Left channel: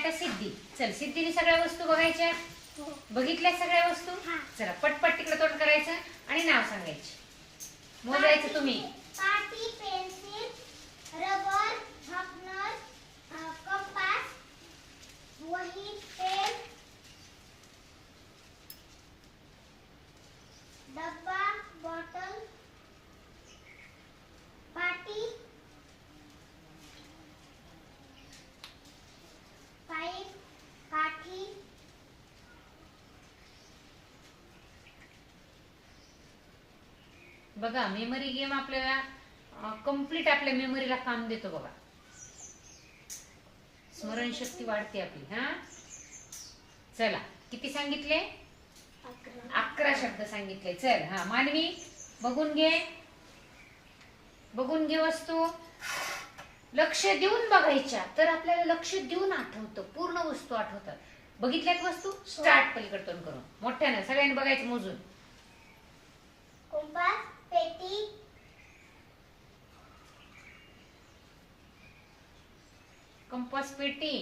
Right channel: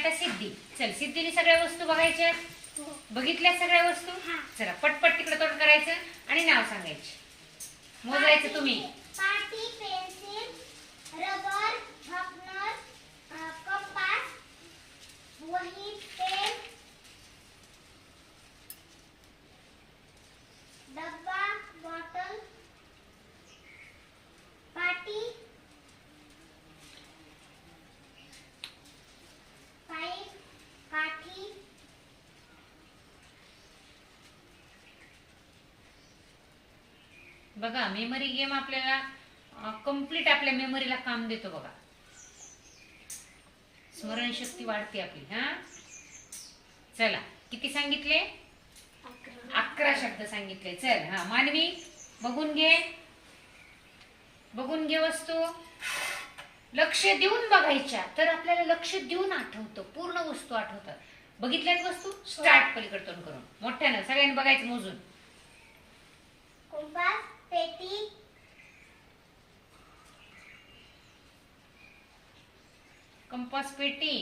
आता सिद्धी. चल सिद्धीने सगळ्या वस्तू बघायच्या. बघितल्या सगळ्या वस्तू. चला पटपट तिकडे तोंड करायचं आणि नाव सांगायचे. मोजायचं तुम्ही. पाटी, पेन्सिल, रबर, शार्पनर, कंपास, वही, पेन, डब्बा, बॉटल, पाटी, पाईप, काठी, बघा मेमरी गेम आपल्याला कंप्लीट आपल्या मेमरीला काम देतो बघा. स्मरणशक्ती वाढते आपली. हा चला किती सांगितले? 11 शब्द सांगितले. चल हा मानवी बघून घे. बघून घे वस्तू. लक्ष देऊन बघायच्या तर आपल्याला लक्ष देऊन आठवतं. पूर्ण वस्तू आठवतात. बघितल्यात वस्तू. स्टार्ट पलीकडे तोंड करून मोठ्यानं सगळ्यांनी बघायचं मोजून. कंपास, पेटी, कंपास, पेटी.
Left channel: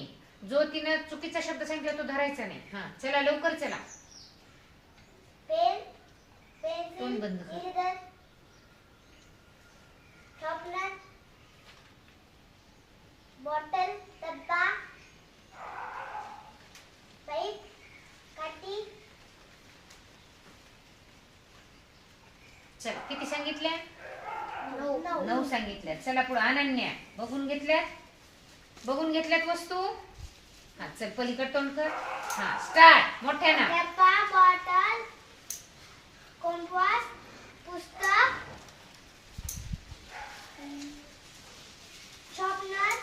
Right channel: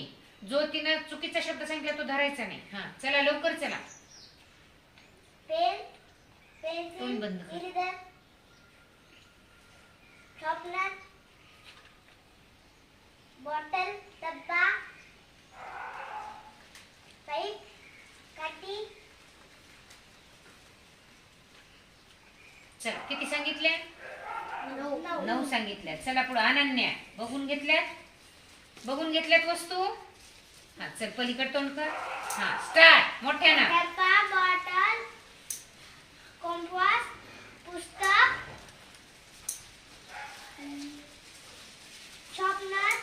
जो तिनं चुकीचा शब्द सांगितला तो धरायचा नाही. हा चला लवकर चला. पेन, तोंड पेन्सिल, बंद कर. इरेजर, शार्पनर, बॉटल, डब्बा, पाईप, काठी. चला किती सांगितल्या? 9. 9 सांगितल्या. चला पुढे अनन्या बघून घेतल्यात. बघून घेतल्यात वस्तू. हा चल पलीकडे तोंड कर. हा स्टार्ट मोठ्यानं. डब्बा, बॉटल, कंपास, पुस्तक, शार्पनर,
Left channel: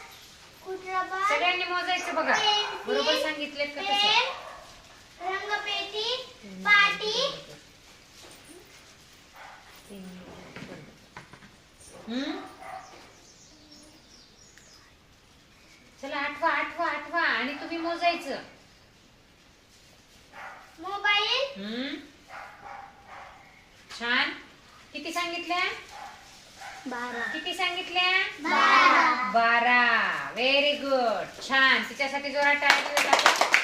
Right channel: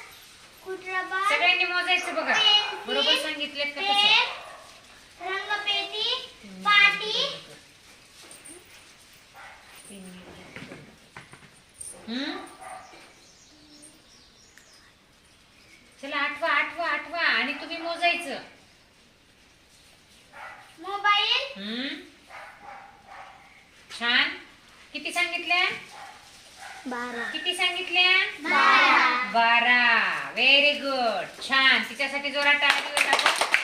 कुटरबर, सगळ्यांनी मोजायचं बघा. पेन्सिल, बरोबर सांगितलेत का तसं? पेन, रंगपेटी, पाटी, चला आठवा आठवा आठवा आणि तुम्ही मोजायचं. मोबाईल, छान. किती सांगितल्या? 12. किती सांगितल्या? 12. 12. Very good. छान. तिच्यासाठी जोरात टाळी वाजवा.